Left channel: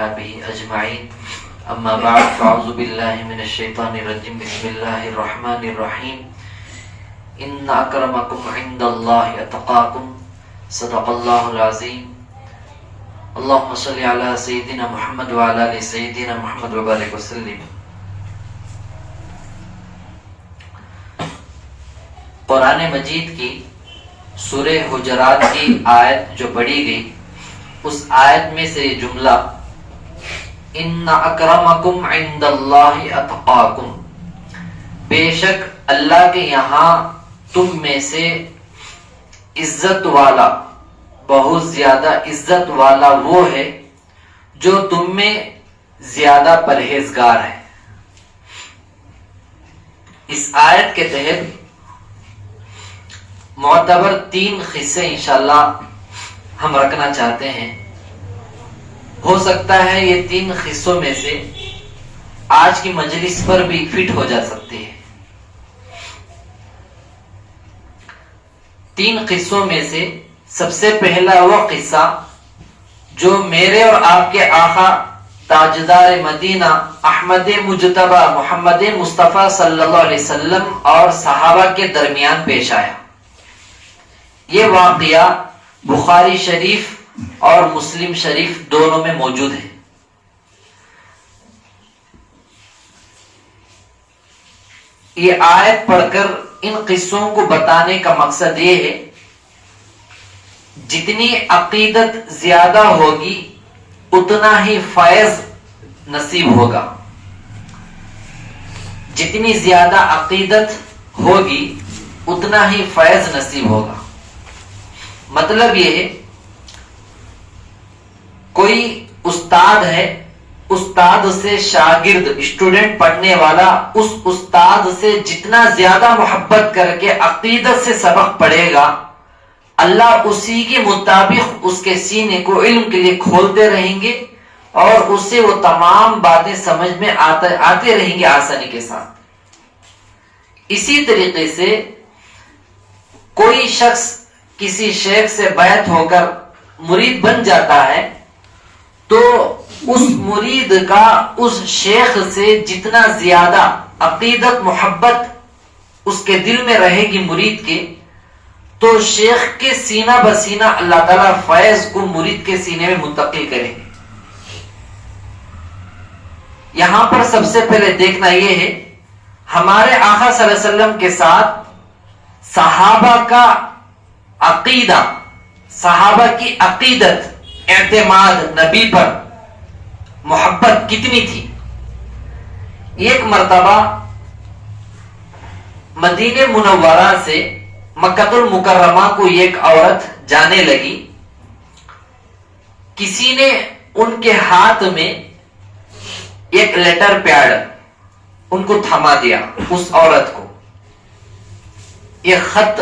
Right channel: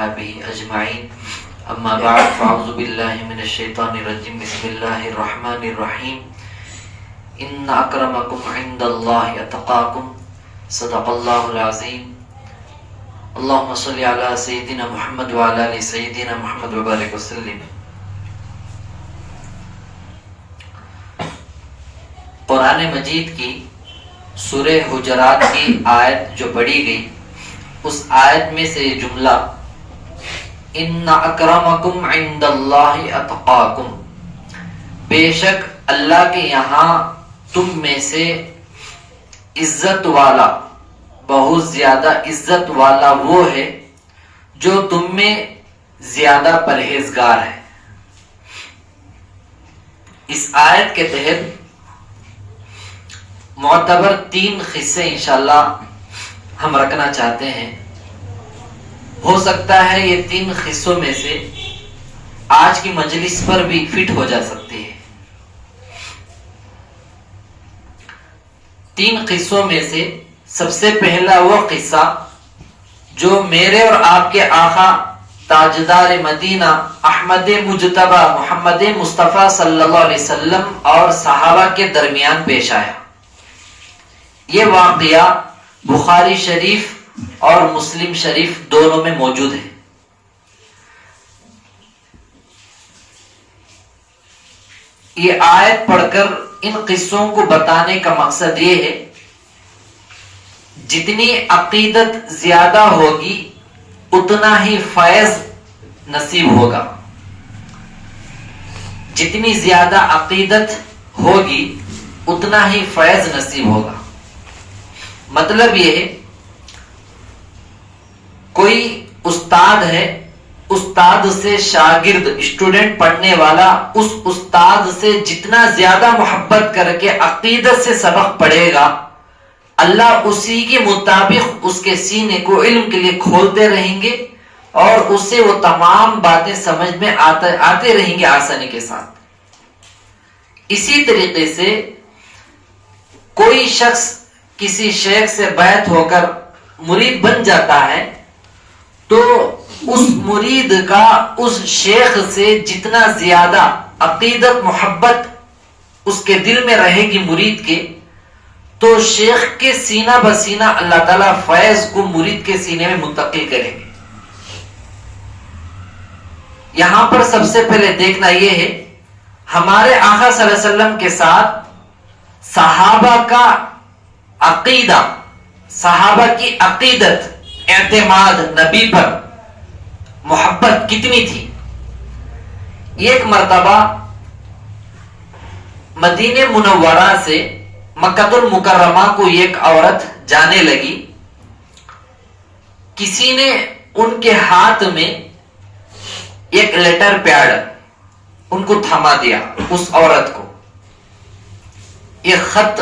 وأصحابه أجمعين أما بعد فأعوذ بالله من الشيطان الرجيم بسم الله الرحمن الرحيم إن أكرمكم عند الله أتقاكم صدق الله العظيم اللهم صل على سيدنا محمد وعلى آل سيدنا محمد وبارك وسلم. قرآن مجید کی سورہ حجرات کی آیت جو پڑھی گئی اس آیت میں سے یہ جملہ ان اکرمکم عند اللہ اتقاکم، بے شک اللہ کے یہاں تم میں سے عزت والا، بہت زیادہ عزت والا وہ ہے جو تم میں زیادہ پرہیزگار ہے. اس آیت کے تحت معتبر 3 قصے انشاءاللہ ہم رکھنا چاہتے ہیں. ہو سکتا ہے یہ 3 قصوں میں سے آج کی مجلس پر بھی فٹ ہو جا سکتی ہے. 3 قصوں میں سے سب سے پہلا وہ قصہ جو میرے اور آپ کے آقا تاجدار مدینہ احمد مجتبی محمد مصطفیٰ صلی اللہ علیہ وسلم اور صحابہ کے درمیان پیش آیا. یہ واقعہ بخاری شریف اور مسلم شریف دونوں میں موجود ہے. یہ آیت پڑھ کر ان قصوں کو بتانے کا مقصد یہ ہے جتنی عقیدت زیادہ ہوگی اتنا ہی فیض نصیب ہوگا. جتنی زیادہ عقیدت ہوگی اتنا ہی فیض نصیب ہوگا. مطلب یہ ہے کوئی استاد ہے، استاد سے شاگرد اسٹوڈنٹ پڑھنے والا اس استاد سے جتنا زیادہ محبت کر کے عقیدت سے سبق پڑھے گا اللہ اسی کے مطابق اس کے سینے کو علم کے لیے کھولتے رہیں گے اور اس سے وہ تمام باتیں سمجھ میں آتے رہیں گے آسانی کے ساتھ. اسی طریقے سے کوئی شخص کسی شیخ سے بیعت ہو کر مرید بن جاتا ہے تو اس مرید کا اس شیخ سے جتنا زیادہ عقیدت محبت اس کے دل میں رہے گی مرید کے، تو شیخ کے سینہ بسینہ اللہ تعالیٰ فیض کو مرید کے سینے میں منتقل کریں گے. یہاں پر سب سے پہلے دیکھنا یہ ہے ہمارے آقا صلی اللہ علیہ وسلم کے ساتھ صحابہ کا عقیدہ، صحابہ کی عقیدت، اعتماد نبی پر محبت کتنی تھی. ایک مرتبہ مدینہ منورہ سے مکہ المکرمہ کو ایک عورت جانے لگی. کسی نے ان کے ہاتھ میں ایک لیٹر پیڈ ان کو تھما دیا، اس عورت کو. یہ خط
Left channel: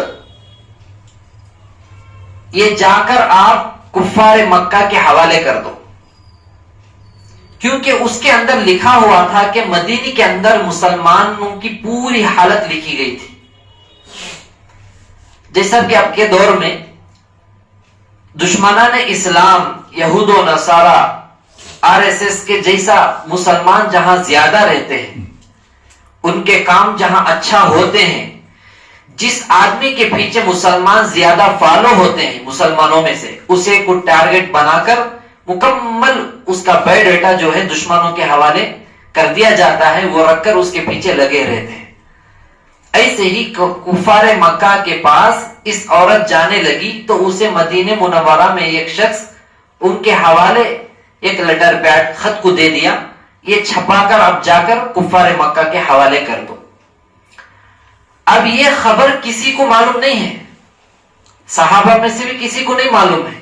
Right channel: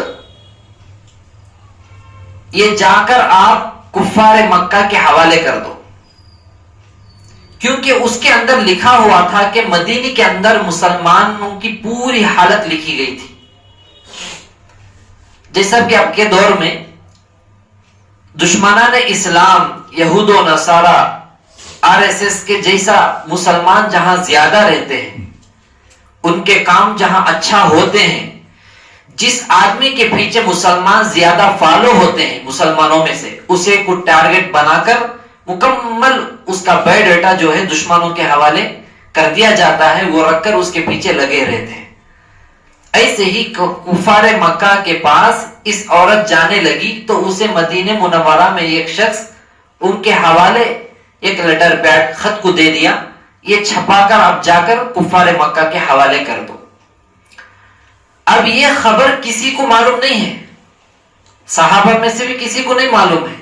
یہ جا کر آپ کفار مکہ کے حوالے کر دو، کیونکہ اس کے اندر لکھا ہوا تھا کہ مدینے کے اندر مسلمانوں کی پوری حالت لکھی گئی تھی. جیسا کہ اب کے دور میں دشمنان اسلام یہود و نصارہ RSS کے جیسا مسلمان جہاں زیادہ رہتے ہیں، ان کے کام جہاں اچھا ہوتے ہیں، جس آدمی کے پیچھے مسلمان زیادہ فالو ہوتے ہیں مسلمانوں میں سے، اسے کو ٹارگٹ بنا کر مکمل اس کا بایو ڈیٹا جو ہے دشمنوں کے حوالے کر دیا جاتا ہے، وہ رکھ کر اس کے پیچھے لگے رہتے ہیں. ایسے ہی کفار مکہ کے پاس اس عورت جانے لگی تو اسے مدینہ منورہ میں ایک شخص ان کے حوالے ایک لیٹر پیڈ خط کو دے دیا، یہ چھپا کر اب جا کر کفار مکہ کے حوالے کر دو. اب یہ خبر کسی کو معلوم نہیں ہے، صحابہ میں سے بھی کسی کو نہیں معلوم ہے.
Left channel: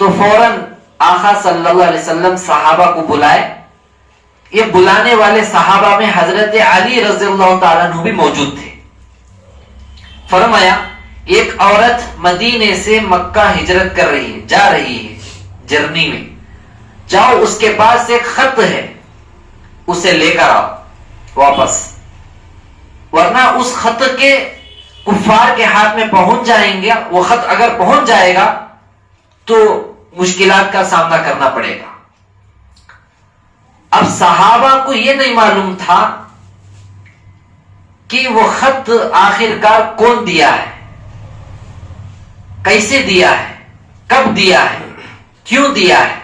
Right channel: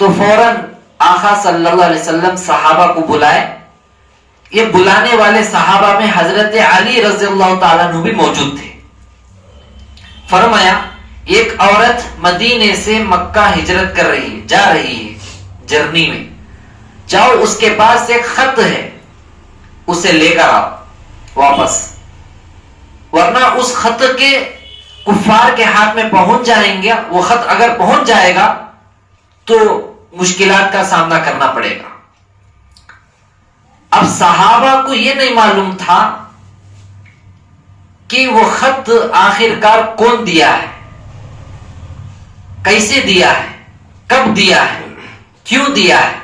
تو فوراً آقا صلی اللہ علیہ وسلم صحابہ کو بلائے. یہ بلانے والے صحابہ میں حضرت علی رضی اللہ تعالیٰ عنہ بھی موجود تھے. فرمایا ایک عورت مدینے سے مکہ ہجرت کر رہی ہے، جا رہی ہے جرنی میں، جاؤ اس کے پاس ایک خط ہے اسے لے کر آؤ واپس، ورنہ اس خط کے کفار کے ہاتھ میں پہنچ جائیں گے. وہ خط اگر پہنچ جائے گا تو مشکلات کا سامنا کرنا پڑے گا. اب صحابہ کو یہ نہیں معلوم تھا کہ وہ خط آخرکار کون دیا ہے، کیسے دیا ہے، کب دیا ہے، کیوں دیا ہے.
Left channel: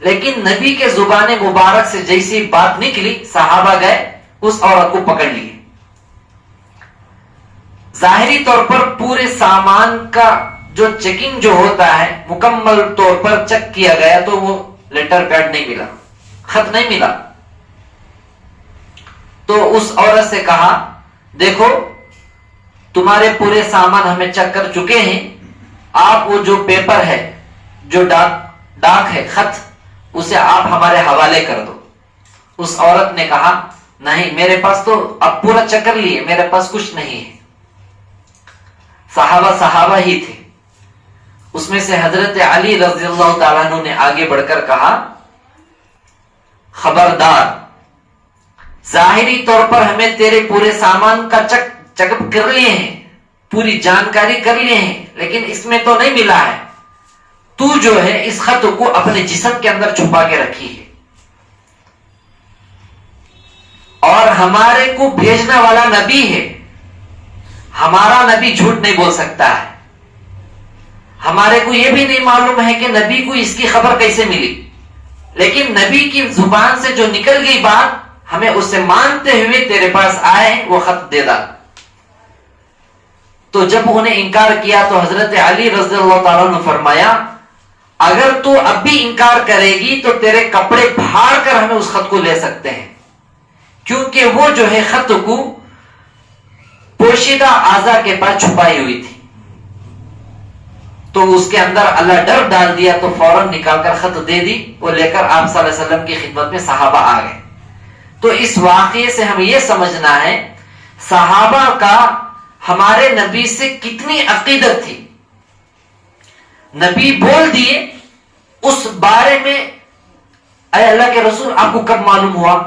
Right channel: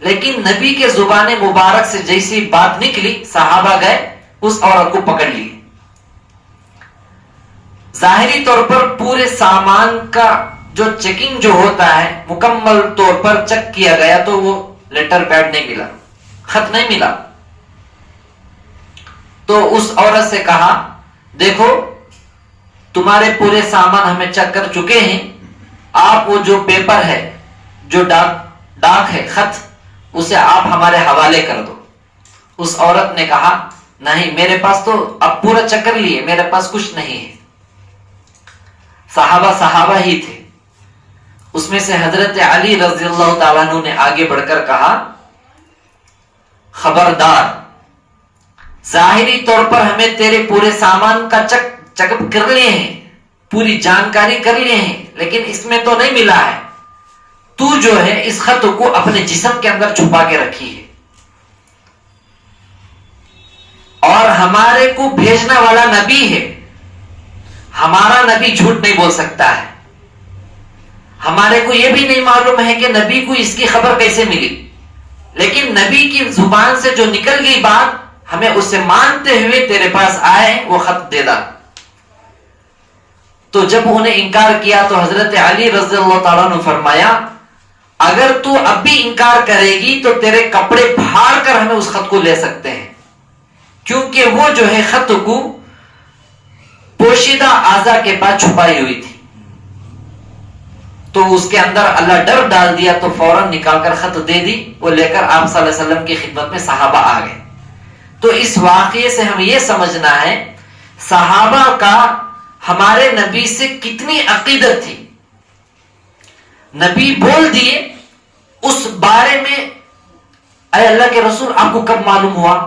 لیکن نبی کے زبان مبارک سے جیسی بات نکلی، صحابہ گئے اس عورت کو پکڑ لیے. ظاہری طور پر پورے سامان کا جو چیکنگ جو ہوتا ہے مکمل طور پر چیک کیا گیا تو وہ لیٹر پیڈ نہیں ملا، خط نہیں ملا. تو اس عورت سے کہا دیکھو تمہارے پورے سامان ہمیں چیک کر چکے ہیں، آپ وہ جو پیپر ہے، جو ڈاک ہے، خط، اسے آپ ہمارے حوالے کر دو. اس عورت نے کہا نہیں، میرے پاس تو اب پورا چیک کر لیے، میرے پاس کچھ نہیں ہے. صحابہ ہی تھے. اس میں سے حضرت علی رضی اللہ تعالیٰ عنہ نے آگے بڑھ کر کہا خبردار، ظاہری طور پر ہمیں تیرے پورے سامان کا چیک اپ کر لیے ہیں، پوری جانکاری کر لیے ہیں، لیکن اس میں تو نہیں ملا ہے. تو جو ہے اس خط کو اپنے جسم کے اندر چھپا کے رکھی ہے، اور ہمارے کو بھیجنے والا نبی ہے، ہمارا نبی جھوٹ نہیں بول سکتا ہے. ہمارے کو یہ بھی نہیں معلوم ہے کہ نبی کو اس کی خبر کیسے ملی، لیکن نبی کی زبان سے جو نکل گئی بات، ہمیں اسے مانتے ہوئے تیرے پاس آئے، وہ خط دے دا. تو جب انہیں انکار کیا تو حضرت علی رضی اللہ تعالیٰ نے فرمایا اگر تو اب بھی انکار کرے گی تو تیرے کپڑے پھاڑ کر ہمیں اس خط کو لے سکتے ہیں، کیونکہ وہ جو ہے خط کو پوشیدہ اعضاء کے پاس چھپائی ہوئی تھی. تو اس کے اندر اللہ ڈر ڈال دیا تو فوراً نکال کر خط دے دی. وہ لے کر آپ صلی اللہ علیہ وسلم کی خدمت میں صحابہ آ گئے. تو اس واقعے سے ہمیں یہ سمجھنا ہے صحابہ کا ہمارے نبی سے کتنی عقیدت تھی. نبی بول دیے اس بارے میں، اے اللہ کے رسول آپ کو کب معلوم ہوا؟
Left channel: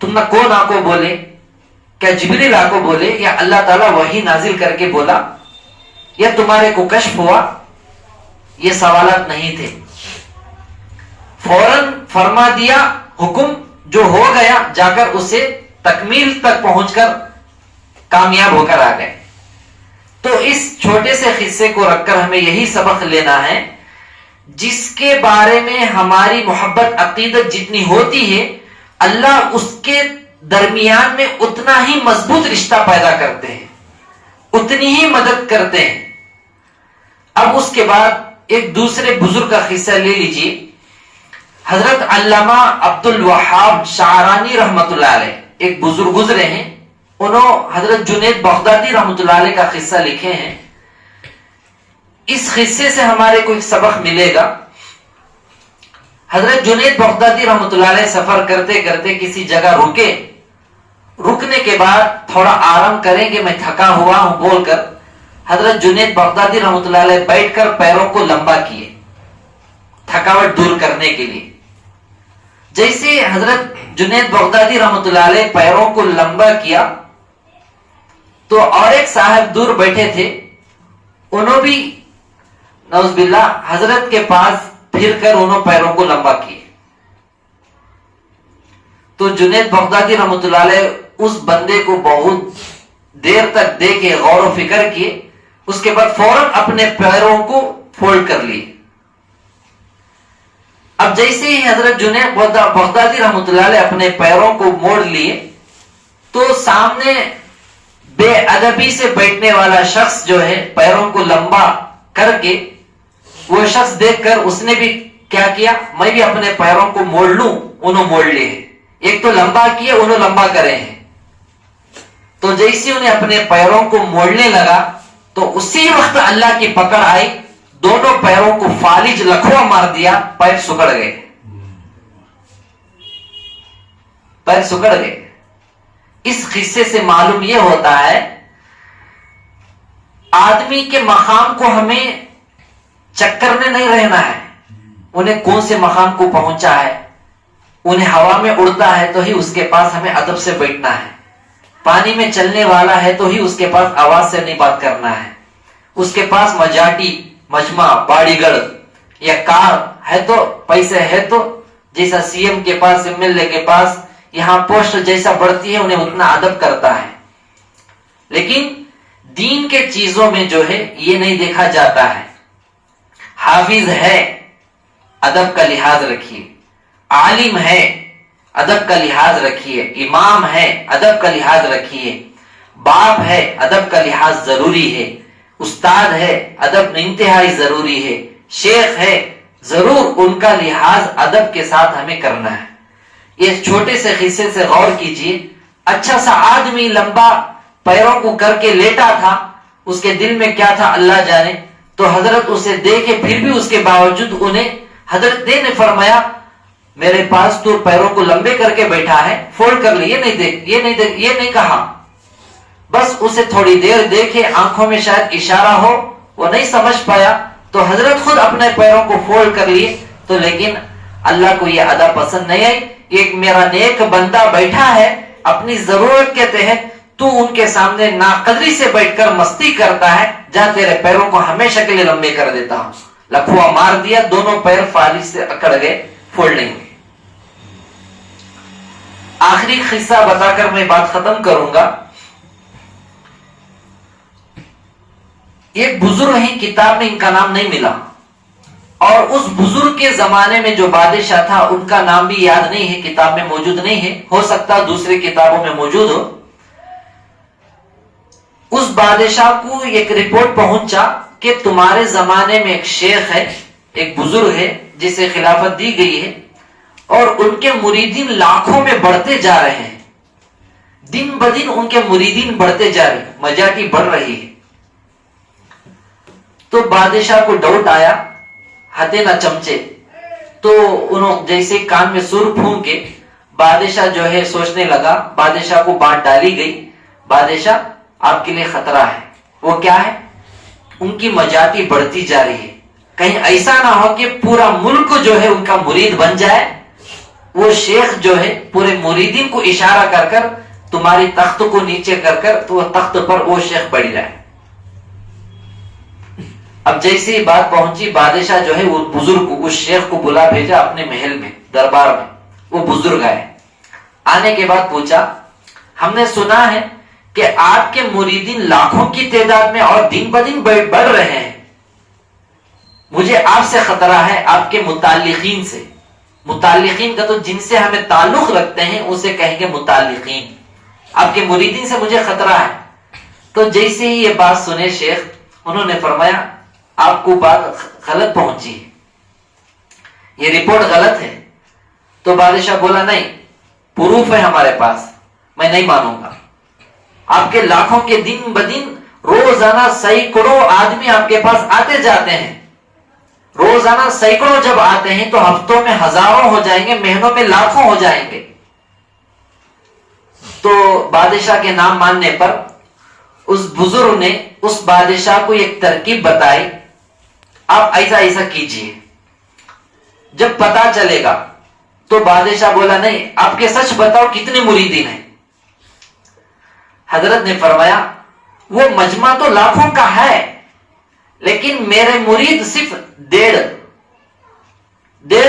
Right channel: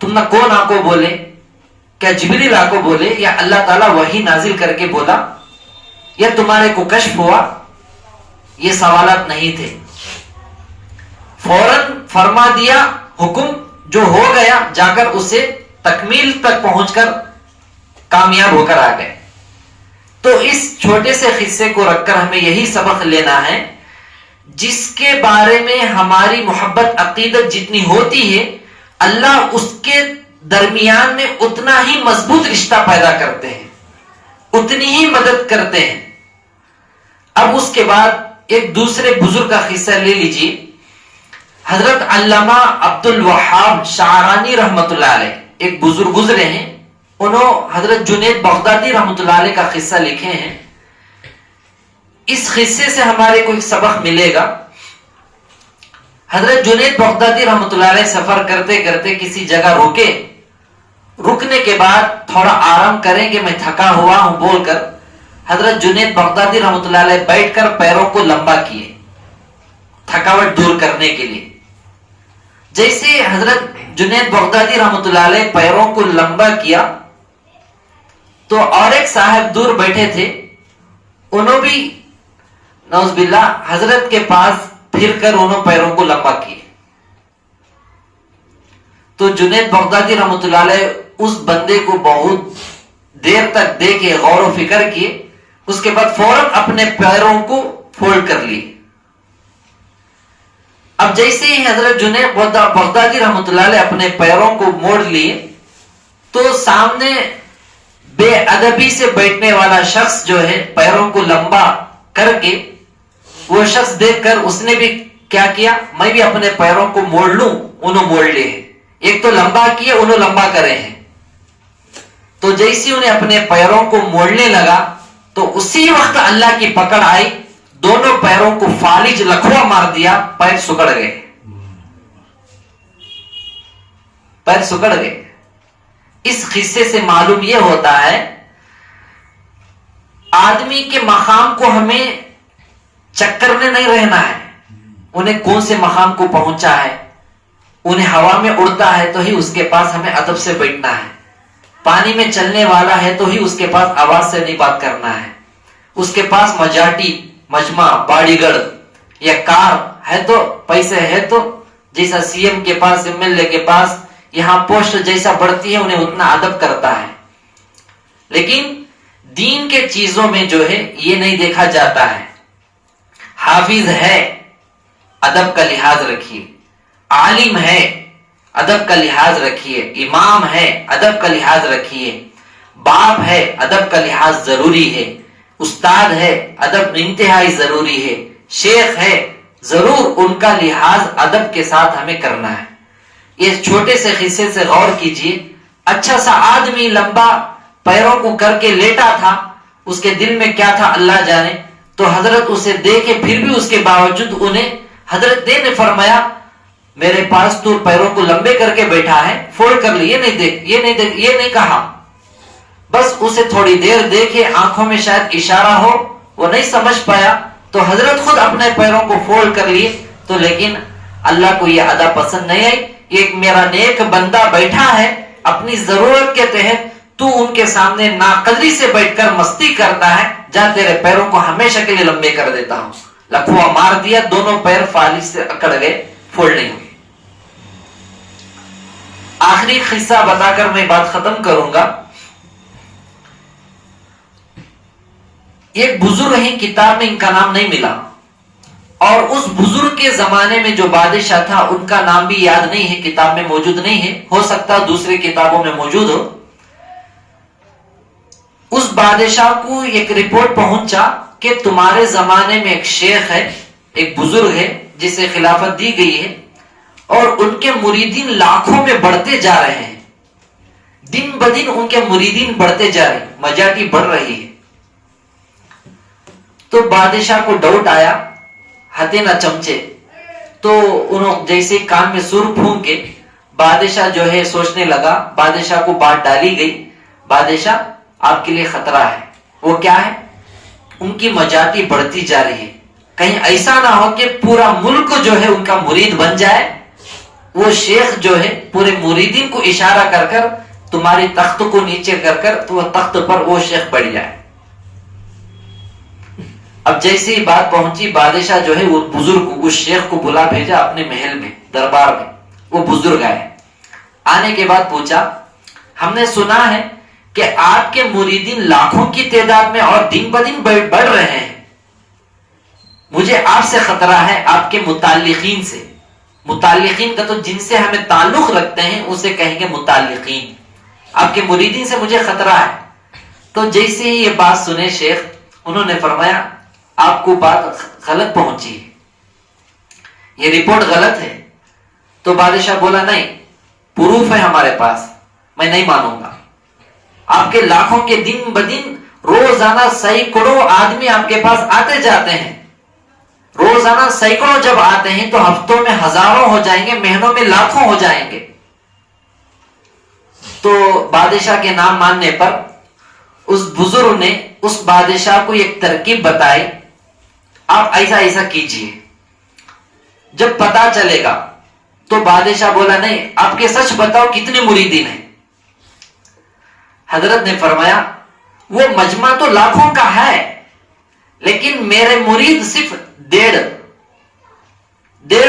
تم نہ کون آپ کو بولے؟ کیا جبریل آپ کو بولے، یا اللہ تعالیٰ وحی نازل کر کے بولا، یا تمہارے کو کشف ہوا؟ یہ سوالات نہیں تھے. فوراً فرما دیا حکم، جو ہو گیا جا کر اسے تکمیل تک پہنچ کر کامیاب ہو کر آ گئے. تو اس چھوٹے سے قصے کو رکھ کر ہمیں یہی سبق لینا ہے، جس کے بارے میں ہماری محبت عقیدت جتنی ہوتی ہے، اللہ اس کے درمیان میں اتنا ہی مضبوط رشتہ پیدا کرتے ہیں، اتنی ہی مدد کرتے ہیں. اب اس کے بعد ایک دوسرے بزرگ کا قصہ لے لیجیے. حضرت علامہ عبد الوہاب شعرانی رحمت اللہ علیہ ایک بزرگ گزرے ہیں. انہوں حضرت جنید بغدادی رحمت اللہ علیہ کا قصہ لکھے ہیں. اس قصے سے ہمارے کو ایک سبق ملے گا. حضرت جنید بغدادی رحمت اللہ علیہ سفر کرتے کرتے کسی جگہ رکے. رکنے کے بعد تھوڑا آرام کریں گے، میں تھکا ہوا ہوں بول کر حضرت جنید بغدادی رحمت اللہ علیہ بیٹھ کر پیروں کو لمبا کیے تھکاوٹ دور کرنے کے لیے. جیسے حضرت جنید بغدادی رحمت اللہ علیہ پیروں کو لمبا کیا تو اور ایک صاحب دور بیٹھے تھے، انہوں بھی نعوذ باللہ حضرت کے پاس پھر کر انہوں پیروں کو لمبا کیے. تو جنید بغدادی رحمت اللہ علیہ اس بندے کو بہت دیر تک دیکھے، غور و فکر کیے، اس کے بعد فوراً اپنے پیروں کو فولڈ کر لیے. اب جیسے ہی حضرت جنید بغدادی رحمت اللہ علیہ اپنے پیروں کو موڑ لیے تو سامنے بے ادبی سے بیٹھنے والا شخص جو ہے پیروں کو لمبا کر کے، وہ شخص دیکھ کر اس نے بھی کیا کیا، میں بھی اپنے پیروں کو موڑ لوں. انہوں موڑ لیے، ایک تو لمبا کیے، انہوں لمبا کرے ہیں. تو جیسے انہیں اپنے پیروں کو موڑنے لگا تو اسی وقت اللہ کی پکڑ آئی، دونوں پیروں کو فالج لکھوا مار دیا، پیر سکڑ گئے. پیر سکڑ گئے. اس قصے سے معلوم یہ ہوتا ہے آدمی کے مقام کو ہمیں چکر میں نہیں رہنا ہے. انہیں کون سے مقام کو پہنچا ہے، انہیں ہوا میں اڑتا ہے تو ہی اس کے پاس ہمیں ادب سے بیٹھنا ہے. پانی میں چلنے والا ہے تو ہی اس کے پاس آواز سے نہیں بات کرنا ہے. اس کے پاس مجاٹی، مجمع، باڑی گڑھ یا کار ہے تو پیسے ہے تو جیسا سی ایم کے پاس ایم ایل اے کے پاس یہاں پوسٹ جیسا بڑھتی ہے انہیں اتنا ادب کرتا ہے، لیکن دین کے چیزوں میں جو ہے یہ نہیں دیکھا جاتا ہے۔ حافظ ہے، ادب کا لحاظ رکھیے، عالم ہے، ادب کا لحاظ رکھیے، امام ہے، ادب کا لحاظ رکھیے، باپ ہے، ادب کا لحاظ ضروری ہے، استاد ہے، ادب انتہائی ضروری ہے، شیخ ہے، ضرور ان کا لحاظ ادب کے ساتھ ہمیں کرنا ہے۔ یہ چھوٹے سے قصے سے غور کیجئے، اچھا سا آدمی لمبا پیروں کو کر کے لیٹا تھا، اس کے دل میں کیا تھا اللہ جانے، تو حضرت اسے دیکھے پھر بھی اس کے باوجود انہیں حضرت نے فرمایا میرے پاس تو پیروں کو لمبے کر کے بیٹھا ہے، فولڈ کر لی، یہ نہیں کہا، بس اسے تھوڑی دیر دیکھے، آنکھوں میں شاید اشارہ ہو، وہ نہیں سمجھ پایا تو حضرت خود اپنے پیروں کو فولڈ کر لیے، تو لیکن اللہ کو یہ ادا پسند نہیں آئی، ایک میرا نیک بندہ بیٹھا ہے اپنی ضرورت کے تحت، تو ان کے سامنے ناقدری سے بیٹھ کر مستی کرتا ہے، جا تیرے پیروں کو ہمیشہ کے لیے لمبے کر دیتا ہوں۔ لکھوا مار دیا، دونوں پیر فالج سے اکڑ گئے، فولڈ نہیں ہوئے۔ آخری قصہ بتا کر میں بات ختم کروں گا۔ ایک بزرگ ہیں، کتاب میں ان کا نام نہیں ملا، اور اس بزرگ کے زمانے میں جو بادشاہ تھا ان کا نام بھی یاد نہیں ہے، کتاب میں موجود نہیں ہے، ہو سکتا دوسری کتابوں میں موجود ہو۔ اس بادشاہ کو ایک رپورٹ پہنچا کہ تمہارے زمانے میں ایک شیخ ہے، ایک بزرگ ہے جسے خلافت دی گئی ہے، اور ان کے مریدین لاکھوں میں بڑھتے جا رہے ہیں، دن بدن ان کے مریدین بڑھتے جا رہے ہیں، مجاٹی بڑھ رہی ہے۔ تو بادشاہ کو ڈاؤٹ آیا، ہتھے نہ چمچے، تو انہوں جیسے کان میں سر پھونکے بادشاہ جو ہے سوچنے لگا، بادشاہ کو بات ڈالی گئی، بادشاہ آپ کے لیے خطرہ ہے۔ وہ کیا ہے؟ ان کی مجاتی بڑھتی جا رہی ہے، کہیں ایسا نہ ہو کہ پورا ملک جو ہے ان کا مرید بن جائے، وہ شیخ جو ہے پورے مریدین کو اشارہ کر کر تمہاری تخت کو نیچے کر کر تو وہ تخت پر وہ شیخ بڑھ جائے۔ اب جیسی ہی بات پہنچی، بادشاہ جو ہے وہ بزرگ کو، اس شیخ کو بلا بھیجا اپنے محل میں، دربار میں۔ وہ بزرگ آئے، آنے کے بعد پوچھا ہم نے سنا ہے کہ آپ کے مریدین لاکھوں کی تعداد میں اور دن بدن بڑھ رہے ہیں، مجھے آپ سے خطرہ ہے، آپ کے متعلقین سے۔ متعلقین کا تو جن سے ہمیں تعلق رکھتے ہیں اسے کہیں گے متعلقین، آپ کے مریدین سے مجھے خطرہ ہے۔ تو جیسے ہی یہ بات سنے شیخ، انہوں نے فرمایا آپ کو بات غلط پہنچی ہے، یہ رپورٹ غلط ہے۔ تو بادشاہ بولا نہیں، پروف ہے ہمارے پاس، میں نہیں مانوں گا۔ آپ کے لاکھوں کے دن بدن روزانہ سینکڑوں آدمی آپ کے پاس آتے جاتے ہیں، روزانہ سینکڑوں جب آتے ہیں تو ہفتوں میں ہزاروں ہو جائیں گے، مہینوں میں لاکھوں ہو جائیں گے۔ تو بادشاہ کے نام ماننے پر اس بزرگ نے اس بادشاہ کو ایک ترکیب بتائی، آپ ایسا ایسا کیجئے، جب پتا چلے گا۔ تو بادشاہ بولا نہیں، آپ کے سچ بتاؤ کتنے مریدین ہیں؟ حضرت نے فرمایا وہ مجمع تو لاکھوں کا ہے، لیکن میرے مرید صرف ڈیڑھ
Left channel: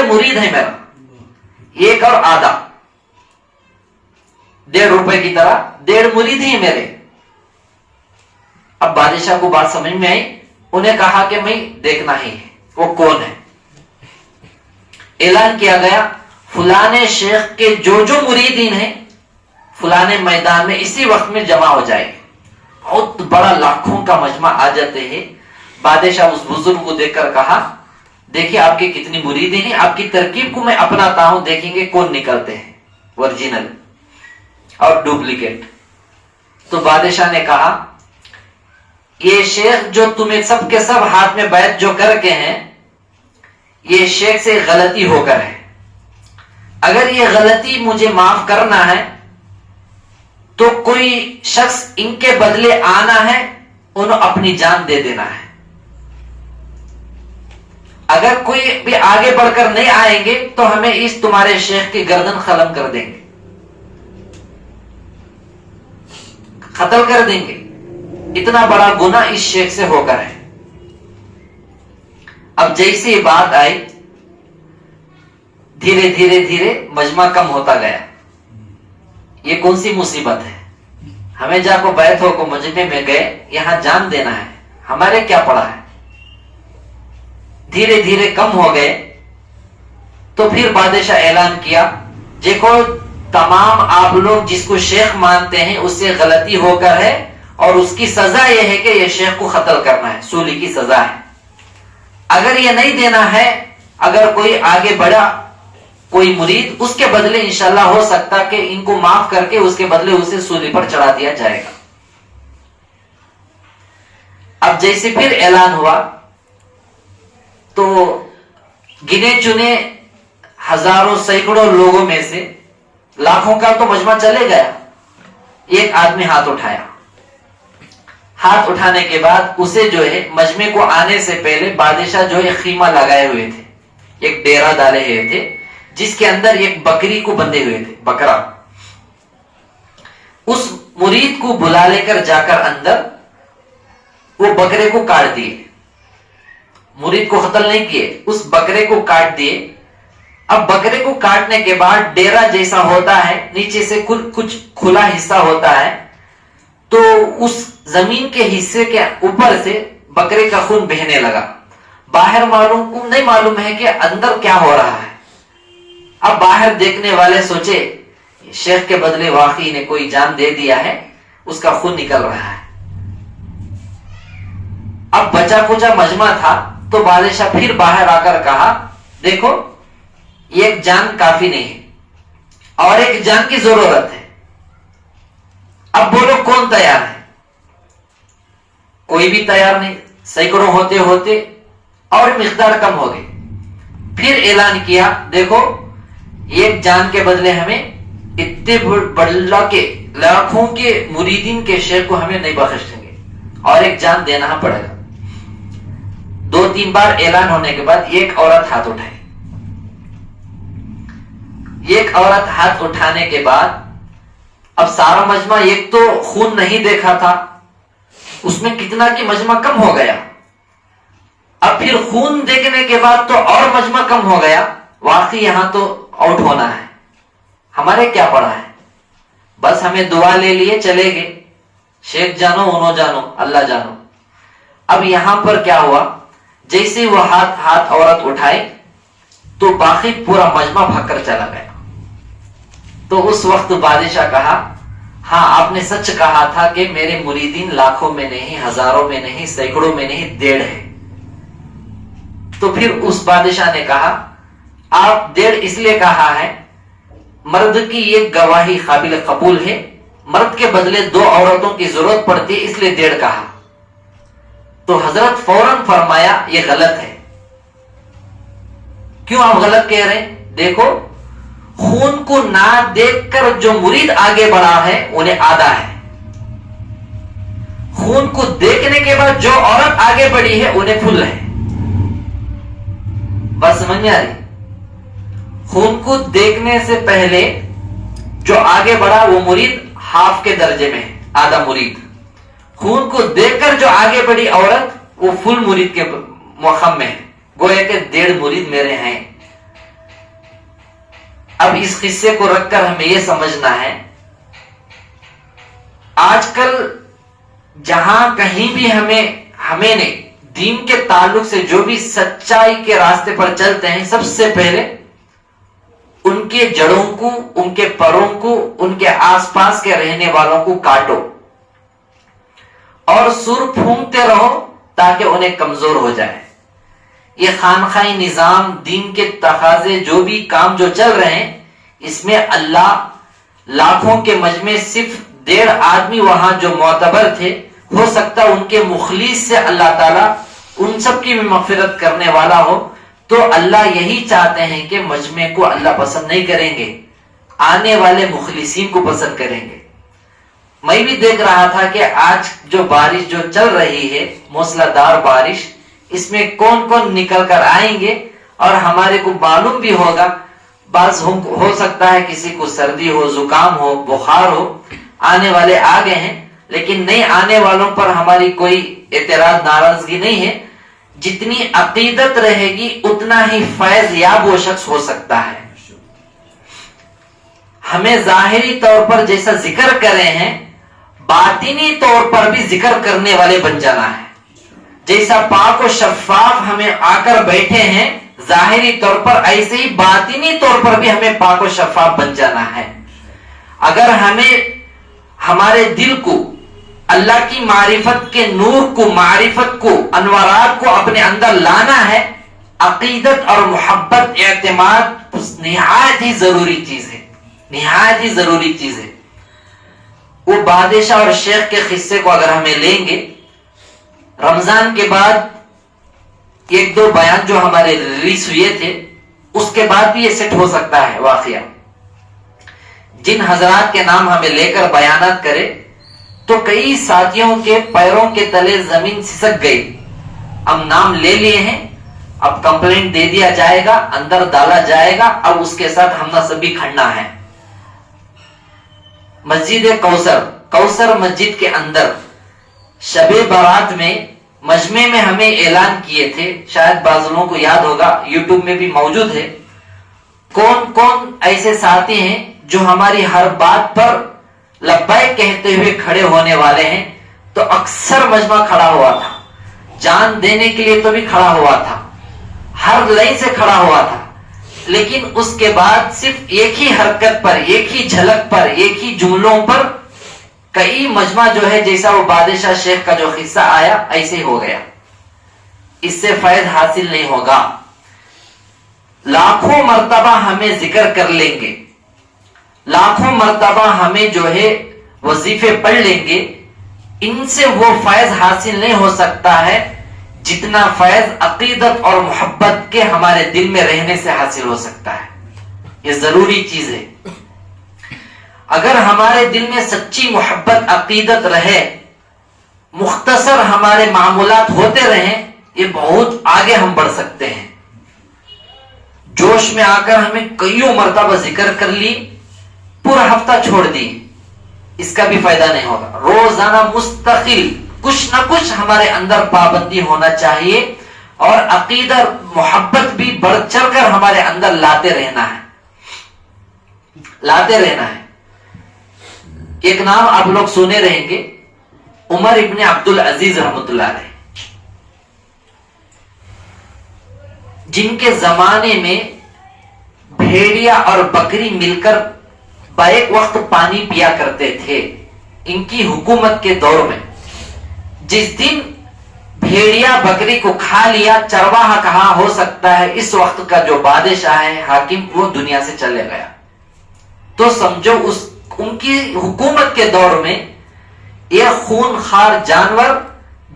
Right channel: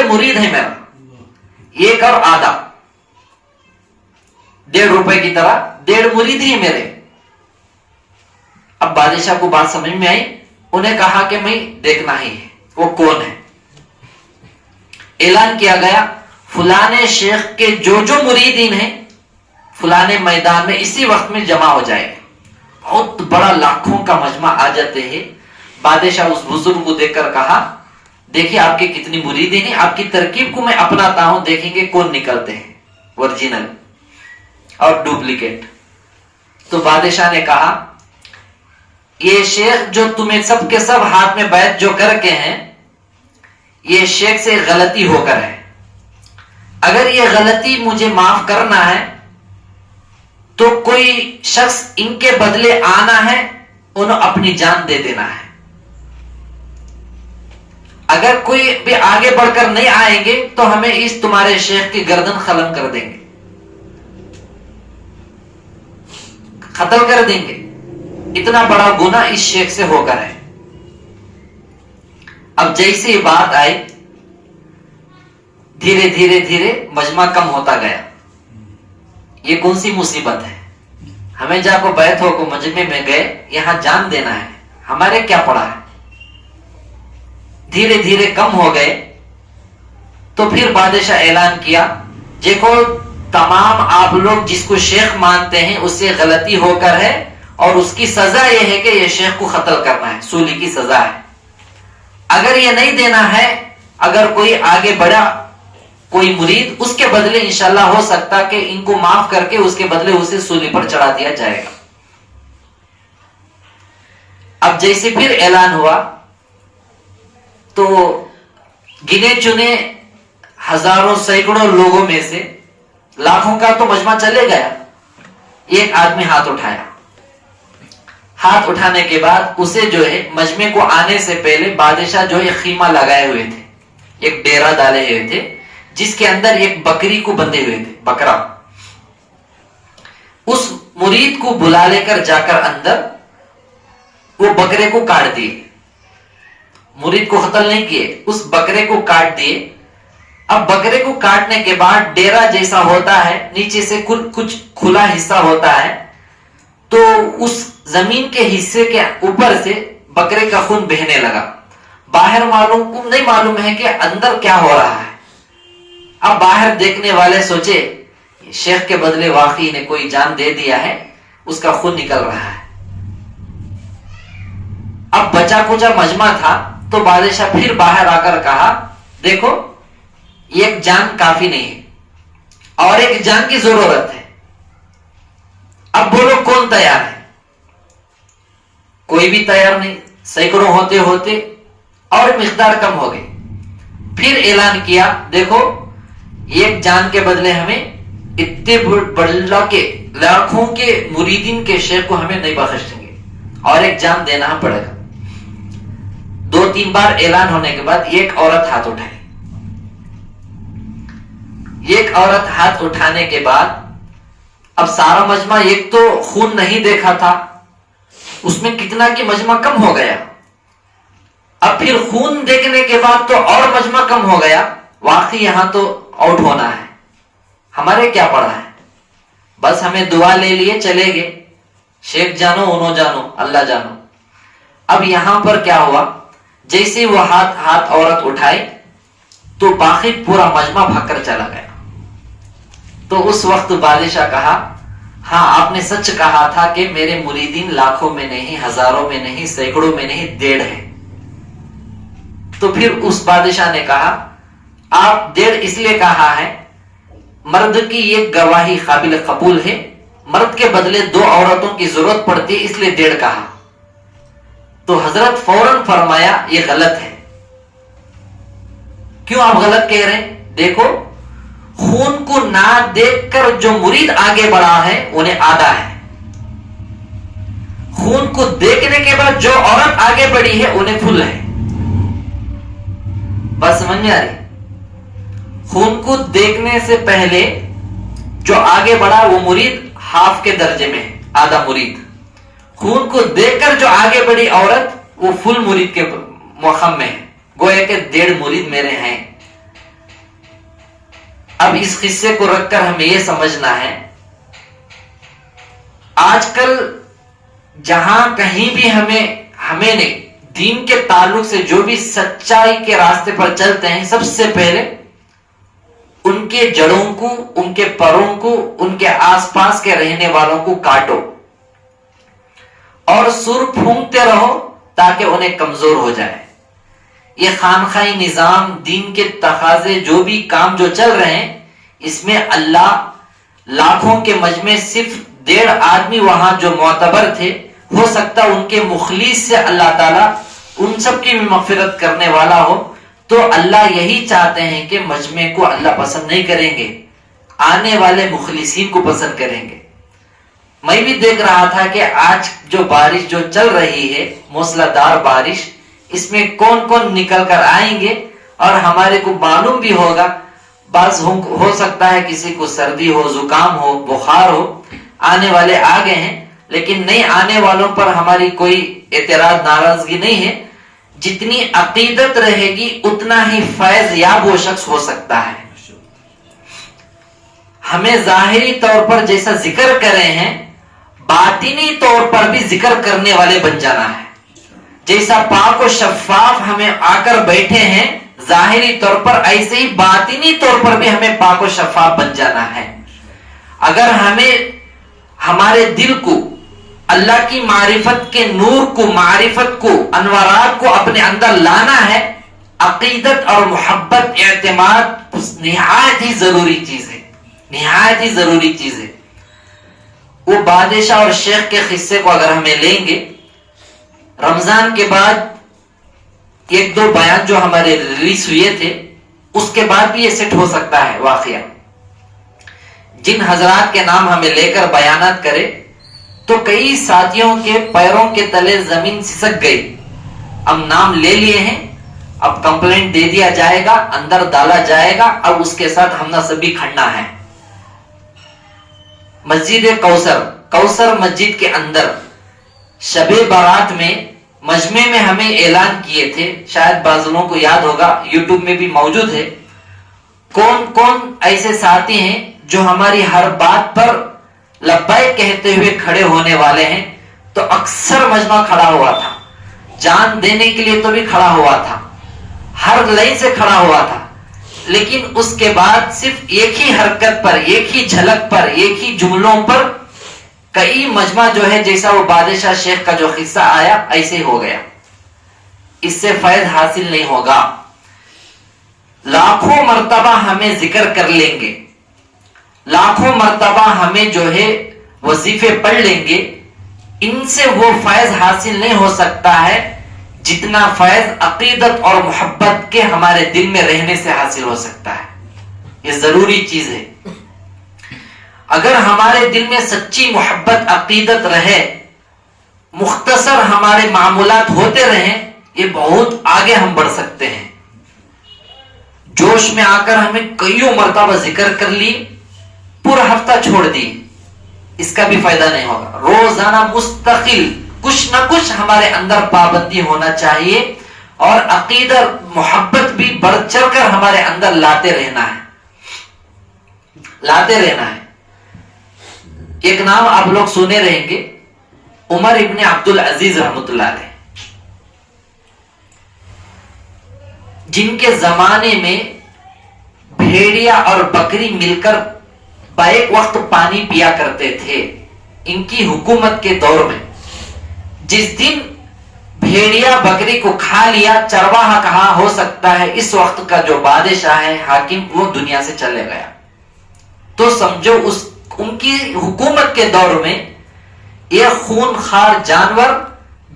مرید ہے میرا، ایک اور آدھا، 1.5 روپے کی طرح 1.5 مرید ہی میرے۔ اب بادشاہ کو بات سمجھ میں آئی، انہیں کہا کہ میں دیکھنا ہی ہے وہ کون ہے۔ اعلان کیا گیا فلانے شیخ کے جو مریدین ہیں فلانے میدان میں اسی وقت میں جمع ہو جائے گے۔ بہت بڑا لاکھوں کا مجمع آ جاتے ہیں۔ بادشاہ اس بزرگ کو دیکھ کر کہا دیکھیے آپ کے کتنی مریدین ہیں، آپ کی ترکیب کو میں اپناتا ہوں، دیکھیں گے کون نکلتے ہیں اوریجنل اور ڈپلیکیٹ۔ تو بادشاہ نے کہا یہ شیخ جو تمہیں سب کے سب ہاتھ میں بیعت جو کر کے ہیں، یہ شیخ سے غلطی ہو کر ہے، اگر یہ غلطی مجھے معاف کرنا ہے تو کوئی شخص ان کے بدلے آنا ہے، انہوں اپنی جان دے دینا ہے۔ اگر کوئی بھی آگے بڑھ کر نہیں آئیں گے تو ہمیں اس تمہارے شیخ کی گردن قلم کر دیں گے، قتل کر دیں گے، اتنا بڑا گناہ اس شیخ سے ہو کر ہے۔ اب جیسی بات آئی، دھیرے دھیرے دھیرے مجمع کم ہوتا گیا. یہ کون سی مصیبت ہے؟ ہمیں جا کو بیت ہو کو مجمع میں گئے, یہاں جان دینا ہے, ہمارے کیا پڑا ہے. دھیرے دھیرے کم ہو گئے. تو پھر بادشاہ اعلان کیا, دیکھو تمام آپ لوگ جس کو شیخ مانتے ہیں اس سے غلطی ہو کر ہے, اور اس کی سزا یہ ہے کہ یہ شیخ کو قتل کرنا ہے, سولی کی سزا ہے. اگر یہ نہیں دینا ہے, اگر کوئی آگے بڑھا کوئی مرید, اس کے بدلے انشاءاللہ ہو سکتا کہ ان کو معاف کر کے اس کے بدلے اسے سولی پر چڑھا دیا جائے گا. اب جیسے پھر اعلان ہوا تو گنے چنے ہزاروں سینکڑوں لوگوں میں سے لاکھوں کا تو مجمع چلے گیا. ایک آدمی ہاتھ اٹھایا. ہاتھ اٹھانے کے بعد اسے جو ہے مجمع کو آنے سے پہلے بادشاہ جو ہے خیمہ لگائے ہوئے تھے, ایک ڈیرا ڈالے ہوئے تھے جس کے اندر ایک بکری کو بندھے ہوئے تھے, بکرا. اس مرید کو بلا لے کر جا کر اندر وہ بکرے کو کاٹ دیے. مرید کو قتل نہیں کیے, اس بکرے کو کاٹ دیے. اب بکرے کو کاٹنے کے بعد ڈیرا جیسا ہوتا ہے, نیچے سے کچھ کھلا حصہ ہوتا ہے, تو اس زمین کے حصے کے اوپر سے بکرے کا خون بہنے لگا. باہر نہیں معلوم ہے کہ اندر کیا ہو رہا ہے. اب باہر دیکھنے والے سوچے شیخ کے بدلے واقعی نے کوئی جان دے دیا ہے, اس کا خون نکل رہا ہے. اب بچا کچا مجمع تھا تو بادشاہ پھر باہر آ کر کہا, دیکھو ایک جان کافی نہیں ہے اور ایک جان کی ضرورت ہے. اب بولو کون تیار ہے؟ کوئی بھی تیار نہیں. سینکڑوں ہوتے ہوتے اور مقدار کم ہو گئی. پھر اعلان کیا, دیکھو ایک جان کے بدلے ہمیں اتنے بڑا کے لاکھوں کے مریدین کے شیخ کو ہمیں نہیں بخش دیں گے, اور ایک جان دینا پڑے گا. 2-3 بار اعلان ہونے کے بعد ایک عورت ہاتھ اٹھائی. ایک عورت ہاتھ اٹھانے کے بعد اب سارا مجمع, ایک تو خون نہیں دیکھا تھا, اس میں کتنا کہ مجمع کم ہو گیا. اب پھر خون دیکھنے کے بعد تو اور مجمع کم ہو گیا. واقعی یہاں تو آؤٹ ہونا ہے, ہمارے کیا پڑا ہے, بس ہمیں دعا لے لیے چلے گئے, شیخ جانو انہوں جانو اللہ جانو. اب یہاں پر کیا ہوا, جیسے وہ ہاتھ عورت اٹھائے تو باقی پورا مجمع بھاگ کر چلا گیا. تو اس وقت بادشاہ کہا, ہاں آپ نے سچ کہا تھا کہ میرے مریدین لاکھوں میں نہیں, ہزاروں میں نہیں, سینکڑوں میں نہیں, 1.5 ہے. تو پھر اس بادشاہ نے کہا, آپ 1.5 اس لیے کہا ہے, مرد کی ایک گواہی قابل قبول ہے, مرد کے بدلے 2 عورتوں کی ضرورت پڑتی ہے, اس لیے 1.5 کہا. تو حضرت فوراً فرمایا یہ غلط ہے. کیوں آپ غلط کہہ رہے ہیں؟ دیکھو خون کو نہ دیکھ کر جو مرید آگے بڑھا ہے انہیں آدھا ہے, خون کو دیکھنے کے بعد جو عورت آگے بڑھی ہے انہیں فل ہے. بس سمجھ میں آ رہی؟ خون کو دیکھنے سے پہلے جو آگے بڑھا وہ مرید ہاف کے درجے میں ہے, آدھا مرید. خون کو دیکھ کر جو آگے بڑھی عورت وہ فل مرید کے مقام میں ہے, گویا کہ 1.5 مرید میرے ہیں. اب اس قصے کو رکھ کر ہمیں یہ سمجھنا ہے, آج کل جہاں کہیں بھی ہمیں نے دین کے تعلق سے جو بھی سچائی کے راستے پر چلتے ہیں, سب سے پہلے ان کے جڑوں کو, ان کے پروں کو, ان کے آس پاس کے رہنے والوں کو کاٹو اور سر پھونکتے رہو تاکہ انہیں کمزور ہو جائے. یہ خانقاہی نظام, دین کے تقاضے, جو بھی کام جو چل رہے ہیں, اس میں اللہ لاکھوں کے مجمع صرف 1.5 آدمی وہاں جو معتبر تھے, ہو سکتا ان کے مخلص سے اللہ تعالیٰ ان سب کی بھی مغفرت کرنے والا ہو. تو اللہ یہی چاہتے ہیں کہ مجمع کو اللہ پسند نہیں کریں گے, آنے والے مخلصین کو پسند کریں گے. میں بھی دیکھ رہا تھا کہ آج جو بارش جو چل رہی ہے, موسلادھار بارش, اس میں کون کون نکل کر آئیں گے, اور ہمارے کو معلوم بھی ہوگا بعض ہو سکتا ہے کسی کو سردی ہو, زکام ہو, بخار ہو, آنے والے آ گئے ہیں, لیکن نہیں آنے والوں پر ہماری کوئی اعتراض ناراضگی نہیں ہے. جتنی عقیدت رہے گی اتنا ہی فیض یاب وہ شخص ہو سکتا ہے. ہمیں ظاہری طور پر جیسا ذکر کرے ہیں باطنی طور پر بھی ذکر کرنے والے بن جانا ہے. جیسا پاک و شفاف ہمیں آ کر بیٹھے ہیں ظاہری طور پر، ایسے ہی باطنی طور پر بھی ہمیں پاک و شفاف بن جانا ہے. اگر ہمیں ہمارے دل کو اللہ کی معرفت کے نور کو، معرفت کو، انوارات کو اپنے اندر لانا ہے، عقیدت اور محبت، اعتماد نہایت ہی ضروری چیز ہے، نہایت ہی ضروری چیز ہے. وہ بادشاہ اور شیخ کے قصے کو اگر ہمیں لیں گے، رمضان کے بعد ایک دو بیان جو ہمارے ریلیز ہوئے تھے اس کے بعد بھی یہ سیٹ ہو سکتا ہے واقعہ. جن حضرات کے نام ہمیں لے کر بیانات کرے تو کئی ساتھیوں کے پیروں کے تلے زمین سسک گئی. اب نام لے لیے ہیں، اب کمپلینٹ دے دیا جائے گا، اندر ڈالا جائے گا، اب اس کے ساتھ ہم سبھی کھڑنا ہے. مسجد کوثر مسجد کے اندر شب بارات میں مجمع میں ہمیں اعلان کیے تھے، شاید بعض لوگوں کو یاد ہوگا، یوٹیوب میں بھی موجود ہے. کون کون ایسے ساتھی ہیں جو ہماری ہر بات پر لبیک کہتے ہوئے کھڑے ہونے والے ہیں؟ تو اکثر مجمع کھڑا ہوا تھا، جان دینے کے لیے تو بھی کھڑا ہوا تھا، ہر لائن سے کھڑا ہوا تھا. لیکن اس کے بعد صرف ایک ہی حرکت پر، ایک ہی جھلک پر، ایک ہی جملوں پر کئی مجمع جو ہے جیسا وہ بادشاہ شیخ کا جو قصہ آیا ایسے ہو گیا. اس سے فائد حاصل نہیں ہوگا. لاکھوں مرتبہ ہمیں ذکر کر لیں گے، لاکھوں مرتبہ ہمیں جو ہے وظیفے پڑھ لیں گے، ان سے وہ فائز حاصل نہیں ہو سکتا ہے جتنا فیض عقیدت اور محبت کے ہمارے دل میں رہنے سے حاصل ہو سکتا ہے. یہ ضروری چیز ہے. اگر ہمارے دل میں سچی محبت عقیدت رہے، مختصر ہمارے معمولات ہوتے رہیں، یہ بہت آگے ہم بڑھ سکتے ہیں. جوش میں آ کر ہمیں کئیوں مرتبہ ذکر کر لی، پورا ہفتہ چھوڑ دی، اس کا بھی فائدہ نہیں ہوگا. روزانہ مستقل کچھ نہ کچھ ہمارے اندر پابندی ہونا چاہیے اور عقیدت محبت بھی بڑھ چڑھ کر ہمارے اندر لاتے رہنا ہے، لاتے رہنا ہے. ایک نام آپ لوگ سنے رہیں گے، عمر ابن عبد العزیز رحمۃ اللہ علیہ، جن کے زمانے میں بھیڑیا اور بکری مل کر بیک وقت پانی پیا کرتے تھے. ان کی حکومت کے دور میں جس دن بھیڑیا بکری کو کھا لیا، چرواہا کہاں ہو سکتا ہے، اس وقت کا جو بادشاہ ہے، حاکم، وہ دنیا سے چلے گیا. تو سمجھو ان کی حکومت کے دور میں ایک خون خوار جانور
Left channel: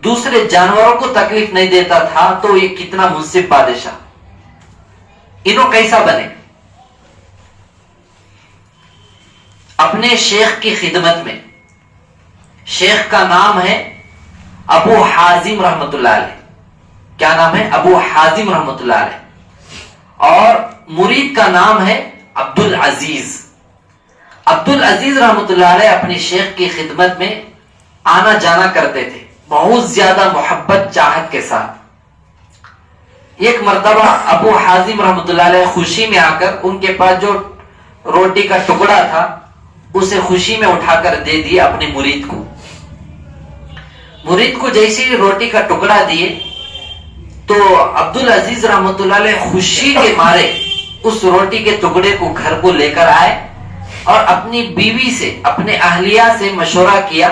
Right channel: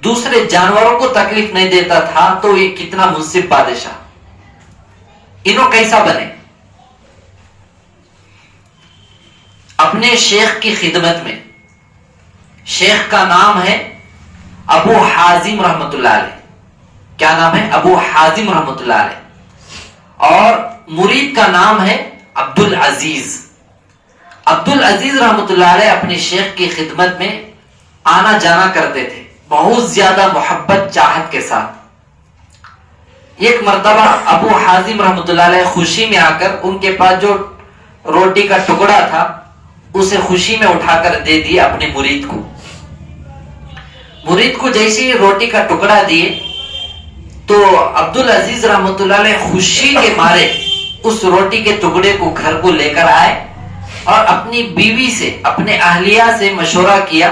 دوسرے جانوروں کو تکلیف نہیں دیتا تھا، تو یہ کتنا منصف بادشاہ. انہوں کیسا بنے؟ اپنے شیخ کی خدمت میں، شیخ کا نام ہے ابو حازم رحمت اللہ علیہ. کیا نام ہے؟ ابو حازم رحمت اللہ علیہ. اور مرید کا نام ہے عبد العزیز. عبد العزیز رحمت اللہ علیہ اپنے شیخ کی خدمت میں آنا جانا کرتے تھے، بہت زیادہ محبت چاہت کے ساتھ. ایک مرتبہ ابو حازم رحمت اللہ علیہ خوشی میں آ کر ان کے پاس جو روٹی کا ٹکڑا تھا اسے خوشی میں اٹھا کر دے دیا اپنے مرید کو. مرید کو جیسے روٹی کا ٹکڑا دیے تو عبد العزیز رحمت اللہ علیہ خوشی کے مارے اس روٹی کے ٹکڑے کو گھر کو لے کر آئے اور اپنی بیوی سے، اپنے اہلیہ سے مشورہ کیا،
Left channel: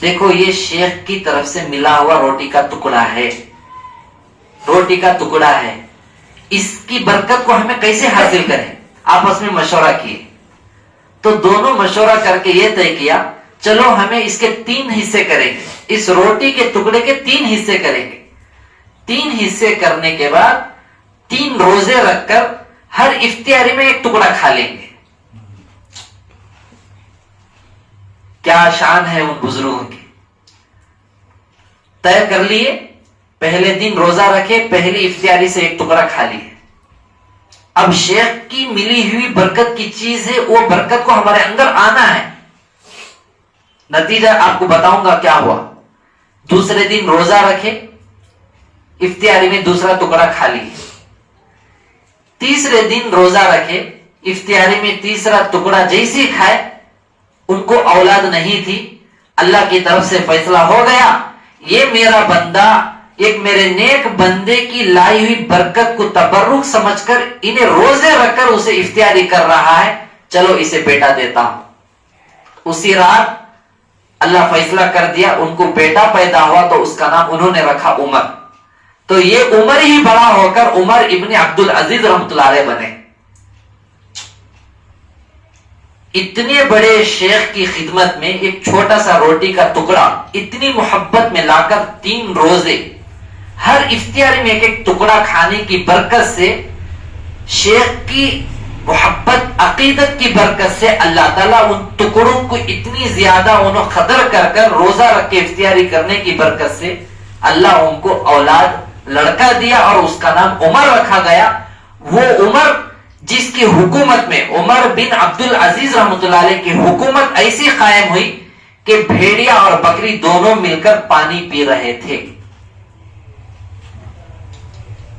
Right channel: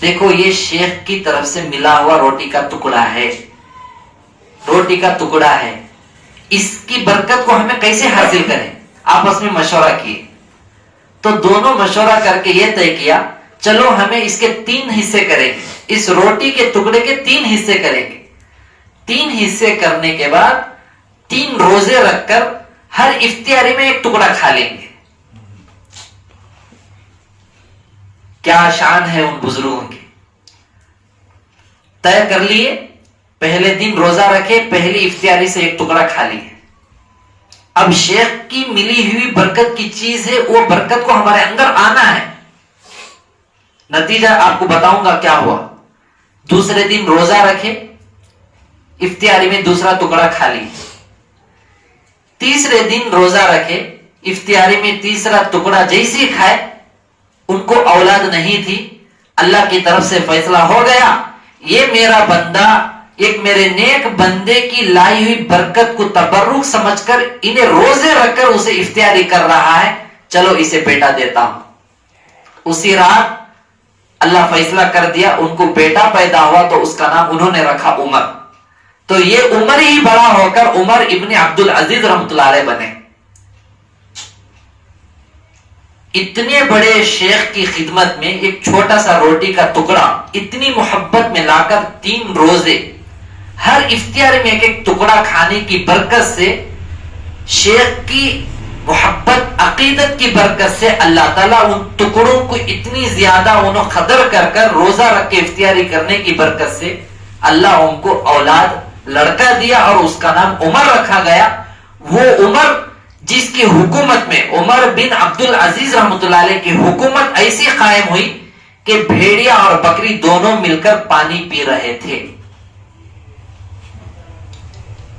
دیکھو یہ شیخ کی طرف سے ملا ہوا روٹی کا ٹکڑا ہے، روٹی کا ٹکڑا ہے، اس کی برکت کو ہمیں کیسے حاصل کریں؟ آپس میں مشورہ کیے تو دونوں مشورہ کر کے یہ طے کیا، چلو ہمیں اس کے 3 حصے کریں گے، اس روٹی کے ٹکڑے کے 3 حصے کریں گے. 3 حصے کرنے کے بعد 3 روزے رکھ کر ہر افطاری میں ایک ٹکڑا کھا لیں گے. کیا شان ہے ان بزرگوں کی. طے کر لیے، پہلے دن روزہ رکھے، پہلی افطاری سے ایک ٹکڑا کھا لیے. اب شیخ کی ملی ہوئی برکت کی چیز ہے، وہ برکت کو ہمارے اندر آنا ہے. نتیجہ آپ کو بتاؤں گا کیا ہوا. دوسرے دن روزہ رکھے، افطاری میں دوسرا ٹکڑا کھا لیے. تیسرے دن روزہ رکھے، افطاری میں تیسرا ٹکڑا جیسے کھائے، ان کو اولاد نہیں تھی، اللہ کی طرف سے فیصلہ ہو گیا یہ میرا بندہ ایک میرے نیک بندے کی لائی ہوئی برکت کو تبرک سمجھ کر انہیں روزے رکھ کر اسے افطاری کر رہا ہے، چلو اسے بیٹا دیتا ہوں۔ اسی رات اللہ فیصلہ کر دیا، ان کو بیٹا پیدا ہوا تو اس کا نام انہوں نے رکھا عمر۔ تو یہ عمر ہی بڑا ہو کر عمر ابن عبد العزیز رحمۃ اللہ علیہ بنے۔ اتنے بڑے شیخ کی خدمت میں ایک چھوٹا سا روٹی کا ٹکڑا اتنی محبت میں لا کر 3 روزے ہر افطاری میں ایک ایک ٹکڑا کھانے کی برکت سے، شیخ کی محبت عقیدت کی برکت سے اللہ تعالیٰ ان ٹکڑوں کو اتنی زیادہ انہوں قدر کر کر روزہ رکھ کے افطاری کرنے کی برکت سے اللہ ان کو اولاد لڑکا دیا اور اس کا نام عمر رکھا گیا۔ وہ عمر جس کی حکومت میں عمر بن عبد العزیز رحمۃ اللہ علیہ کی حکومت ایسی قائم ہوئی کہ بھیڑیا اور بکری دونوں مل کر پانی پی رہے تھے۔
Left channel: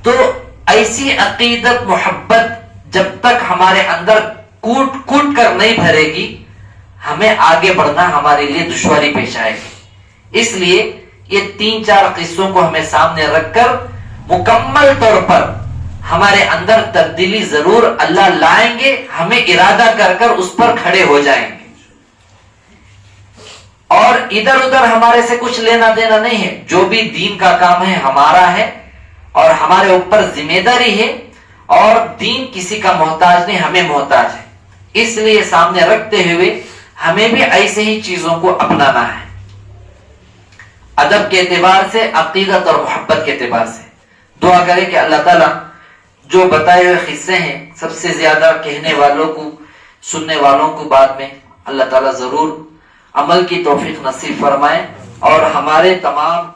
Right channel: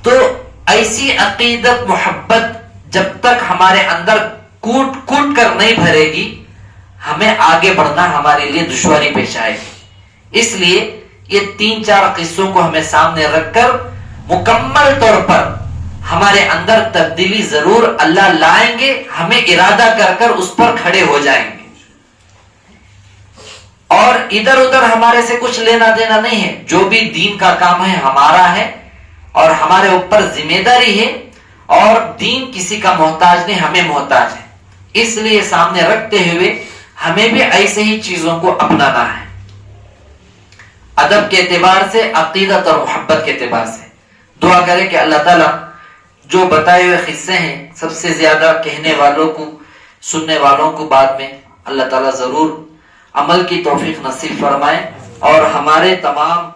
تو ایسی عقیدت محبت جب تک ہمارے اندر کوٹ کوٹ کر نہیں بھرے گی، ہمیں آگے بڑھنا ہمارے لیے دشواری پیش آئے گی۔ اس لیے یہ 3-4 قصوں کو ہمیں سامنے رکھ کر مکمل طور پر ہمارے اندر تبدیلی ضرور اللہ لائیں گے، ہمیں ارادہ کر کر اس پر کھڑے ہو جائیں گے، اور ادھر ادھر ہمارے سے کچھ لینا دینا نہیں ہے۔ جو بھی دین کا کام ہے ہمارا ہے اور ہمارے اوپر ذمہ داری ہے، اور دین کسی کا محتاج نہیں، ہمیں محتاج ہے۔ اس لیے سامنے رکھتے ہوئے ہمیں بھی ایسے ہی چیزوں کو اپنانا ہے، ادب کے اعتبار سے، عقیدت اور محبت کے اعتبار سے۔ دعا کریں کہ اللہ تعالیٰ جو بتائے ہوئے قصے ہیں سب سے زیادہ کہنے والوں کو، سننے والوں کو بعد میں اللہ تعالیٰ ضرور عمل کی توفیق نصیب فرمائے، اور ہمارے تمام